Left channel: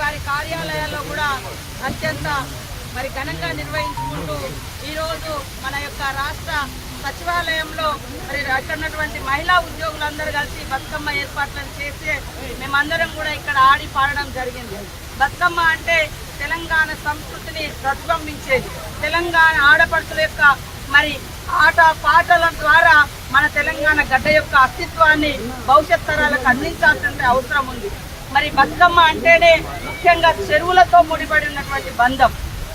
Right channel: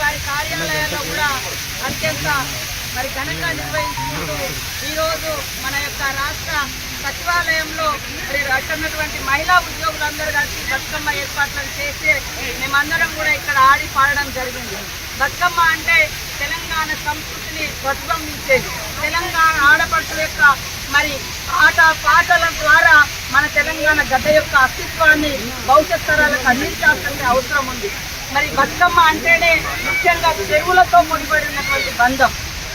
వారి కార్యాలయాల్లో కూడా అత్యంత మరి ఘనంగా నిర్వహించుకుంటూ ఈరోజు మన యొక్క రాష్ట్ర సచివాలయంలో మరి అక్కడున్నటువంటి మహిళా ఉద్యోగులందరూ కలిసి బతుకమ్మ ఏర్పాట్లను చేస్తే మేమందరం కూడా ఇక్కడ ఆడి పాడడం జరిగింది. బతుకమ్మ అంటే తెలంగాణ సంస్కృతిని ప్రతిబింబించేది. తెలంగాణ ఆడపడుతుల యొక్క మరి ఆట పాటల ద్వారా మన తెలంగాణ గడ్డ యొక్క అస్తిత్వాన్ని భవిష్యత్ తరాలకు అందించాల్సిన అవసరం ఉంది. మరి బతుకమ్మ అంటేనే ముఖ్యంగా చెరువులతో ముడిపడి ఉన్నటువంటి బంధం.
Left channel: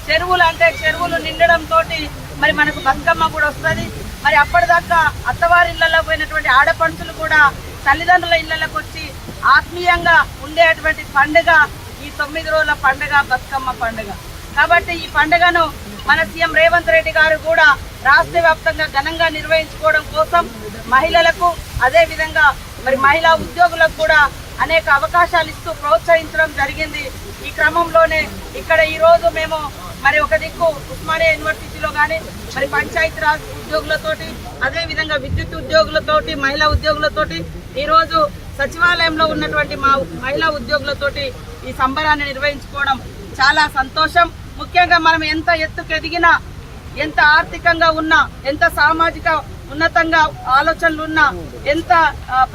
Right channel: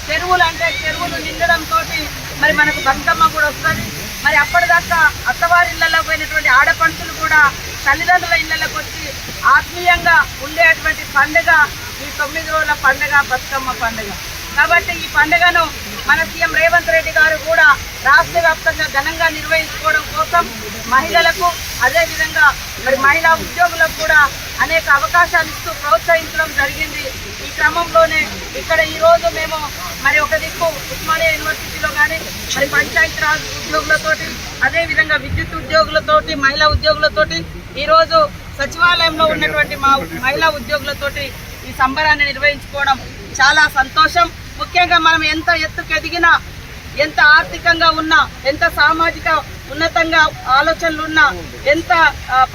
చెరువులు అంటే చెరువులు నిండడంతో మరి మనకు బతుకమ్మ కూడా వస్తుంది. మరి అప్పటిదాకా అత్తవారి ఇళ్ళలో పోయినటువంటి ఆడపడుచులు కూడా తల్లిదండ్రుల ఇళ్ళకు వచ్చి ఆత్మీయంగా ఉండేటువంటి పండుగ ఈ తొమ్మిది రోజుల పండుగ బతుకమ్మ పండుగ. కాబట్టి ఈ పండుగను మన సీఎం రేవంత్ రెడ్డి గారు కూడా రాష్ట్ర వ్యాప్తంగా ఘనంగా నిర్వహించుకోవడం కోసం మహిళలకు అదేవిధంగా మరి మహిళా ఉద్యోగులకు కూడా అనేక అవకాశాలు ఇస్తూ ప్రోత్సహించడం జరిగింది. ఈ క్రమంలోనే ఇక్కడ ఈరోజు మేము మరి ఒక దిక్కు ఉస్మానియా యూనివర్సిటీలో కానీ మరి పంచాయతీరాజ్ ఉద్యోగులతోటి అదేవిధంగా విద్యుత్ ఉద్యోగులతోటి మహిళా ఉద్యోగులతోటి ఈరోజు సచివాలయంలో ఉన్నటువంటి మా మహిళా ఉద్యోగులతోటి ఈ సంబరాన్ని నిర్వహించుకోవడం చాలా సంతోషం. ముఖ్యంగా మనం ఎంత ఎత్తుకెదిగినా ఎంత ఆర్థికంగా ఉన్నా ఎంత సామాజిక ఉన్నతంగా ఆలోచనలు ఉన్నా ఎంత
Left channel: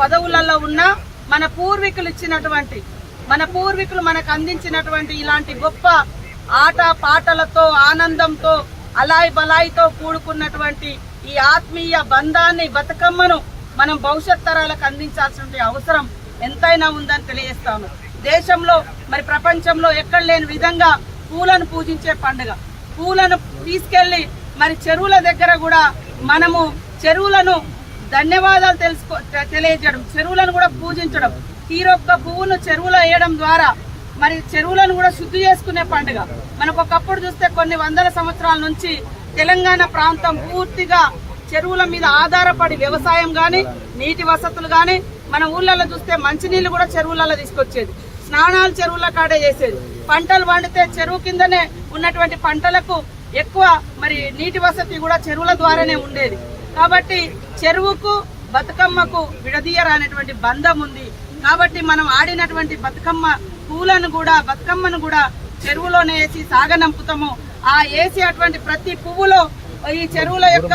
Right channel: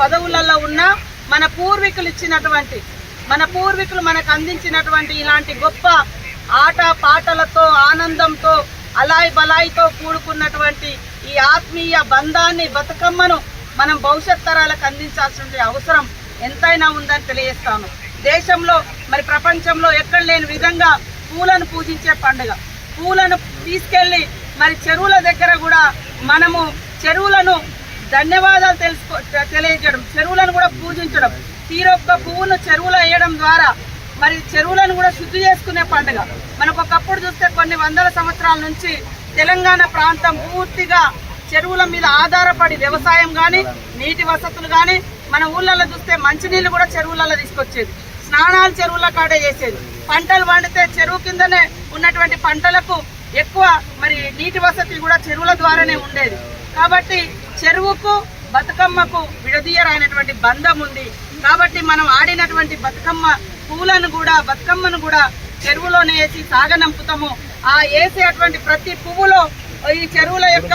పదవులలో ఉన్నా మన పూర్వీకులు ఇచ్చినటువంటి మన పూర్వీకులు మనకు అందించినటువంటి ఇలాంటి గొప్ప ఆట పాటలతో ఆనందంతో అలాయి బలాయితో కూడుకున్నటువంటి ఈ ఆత్మీయ బంధాన్ని బతుకమ్మను మనం భవిష్యత్ తరాలకు అందించాల్సిన అవసరం ఎంతైనా ఉందని తెలియజేస్తాను. దేశంలో మరి ప్రపంచంలో ఎక్కడ లేని విధంగా పూలను పూజించే పండుగ. పూలను తీసుకెళ్ళి మరి చెరువుల దగ్గర కూడా మనము చెరువులను ధన్యవాదాలు తెలుసుకో తెలియజేయడం చెరువులను కూడా పూజించడం. తీరొక్క పువ్వును చెరువులో వేయడం ద్వారా మరి చెరువులను కూడా శుద్ధి చేసుకునే పండుగ. మనకు ఒకప్పుడు చూస్తే కొన్ని వందల సంవత్సరాల నుంచి తెలంగాణ ప్రాంతం పూర్తిగా చెరువుల మీద ఆధారపడి వ్యవసాయం కానీ నీటి వసతులు కానీ మన ఊళ్ళల్లో చూస్తే మంచినీళ్ళు కూడా చెరువులలో తీసుకొచ్చేది. స్నానాలు చెరువుల కాడే చేసేది. పంటలు పండితే చెరువు కిందనే ఉన్నటువంటి పంటలకు ఎక్కువ మరి నీటి వసతి కూడా చెరువుల ద్వారానే ఉండేది. కాబట్టి చెరువుకు బతుకమ్మకు విడదీయరానటువంటి బంధం ఉంది. కాబట్టి మనం ఆడినటువంటి బతుకమ్మ పూలను కూడా బతుకమ్మను కూడా చెరువులోనే వేసి సాగనంపుతాము. ఆ వేసేటువంటి ప్రతి పువ్వులో ఈ చెరువుల యొక్క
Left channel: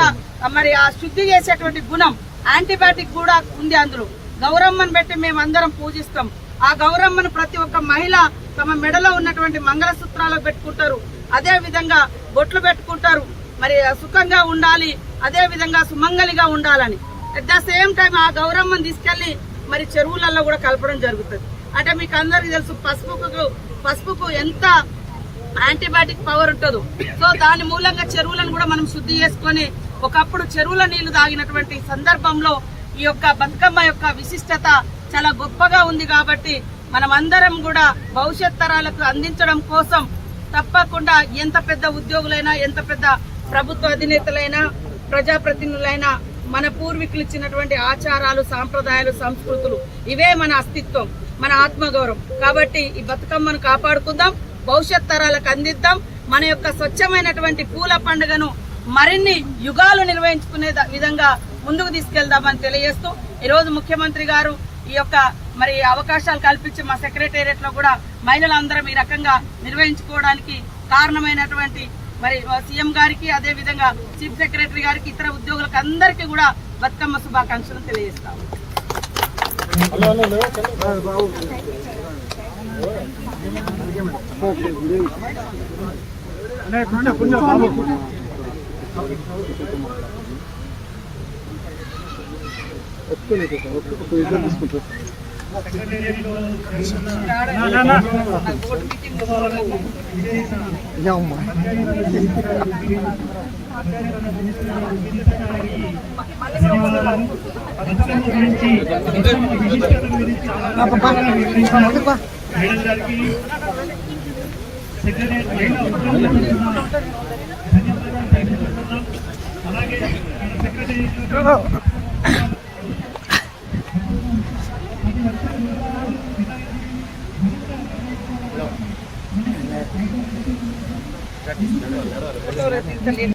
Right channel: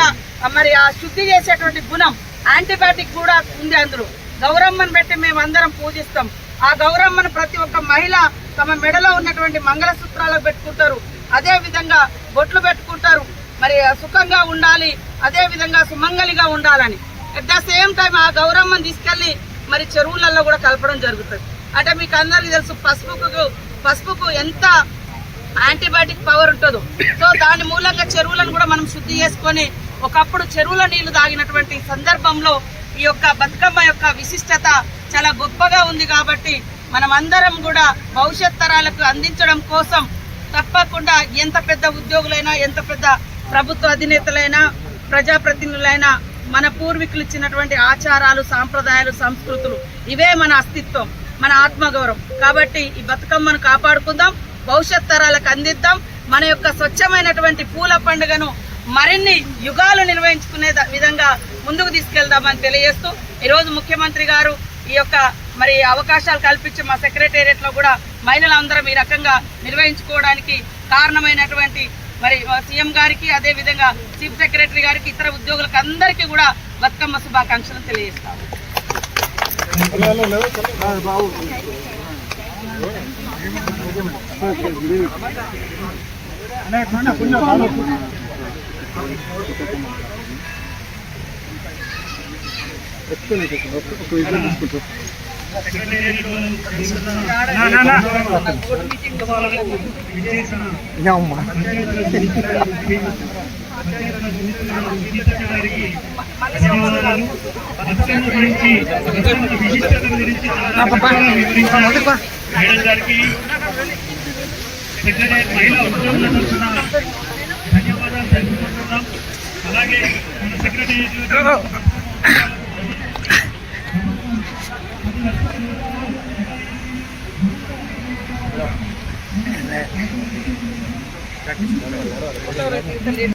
మరి ఆ శుద్ధి చేసేటువంటి గుణం యాంటీబయాటిక్ కూడా ఉంది అందరూ గౌరమ్మను పెట్టి మేము అందరం పూజిస్తాం. ఆ గౌరమ్మను ప్రతి ఒక్క మహిళ తమ మెడలో ఉన్నటువంటి మంగళసూత్రాలు పెట్టుకుంటారు. అదే విధంగా బొట్లు పెట్టుకుంటారు. మరి సుఖంగా ఉండాలి అదే విధంగా సుమంగలిగా ఉండాలని. అట్ ద సేమ్ టైం ఆ గౌరమ్మను తీసుకెళ్ళి మరి చెరువులలో కూడా కలపడం జరుగుతుంది. అంటే మీకు అందరికీ తెలుసు పసుపుకు పసుపుకు ఎంత యాంటీబయాటిక్ పవర్ ఉంటుందో. సో దాని మూలంగా చెరువులను కూడా మనం శుద్ధి చేసుకొని ఒకప్పుడు చెరువుల నీళ్ళు తాగినటువంటి సందర్భంలో ఈ యొక్క బతుకమ్మ యొక్క విశిష్టత చాలా గొప్పగా ఉంది కాబట్టి మనం అందరం కూడా భవిష్యత్ తరాలకు అందించడం కోసం తప్పకుండా ఎంత పెద్ద ఉద్యోగులైనా ఎంత పెద్ద ప్రభుత్వ అధినేతలైనా ప్రజాప్రతినిధులైన మన పూర్వీకులు ఇచ్చినటువంటి ఆచారాలు సాంప్రదాయాలు సంస్కృతులు ఇవే మన అస్తిత్వం మన ఆత్మగౌరవం. కాబట్టి ఈ బతుకమ్మను కాపాడుకుందాం భవిష్యత్ తరాలకు అందిద్దాం మన యొక్క స్వచ్ఛమైనటువంటి పూల పండుగను మరిన్ని యుగాలు నిర్వహించుకునే విధంగా ముందుకు తీసుకెళ్దామని తెలియజేస్తూ ఈరోజు ముఖ్యమంత్రి గారు ఈ యొక్క మరి అవకాశాలు కల్పించి మా సెక్రటేరియట్లో కూడా మహిళలందరం ఈ రకంగా నిర్వహించుకోవడానికి కారణమైనటువంటి మరి సీఎం గారికి అదే విధంగా చీఫ్ సెక్రటరీ గారికి ఇతర ఉద్యోగులకు అందరికీ కూడా బతుకమ్మ శుభాకాంక్షలు తెలియజేస్తాము. ఎక్కువ ధన్యవాదాలు తెలుసుకుంటున్నాం అలాగే సెక్రటరీ Gracias.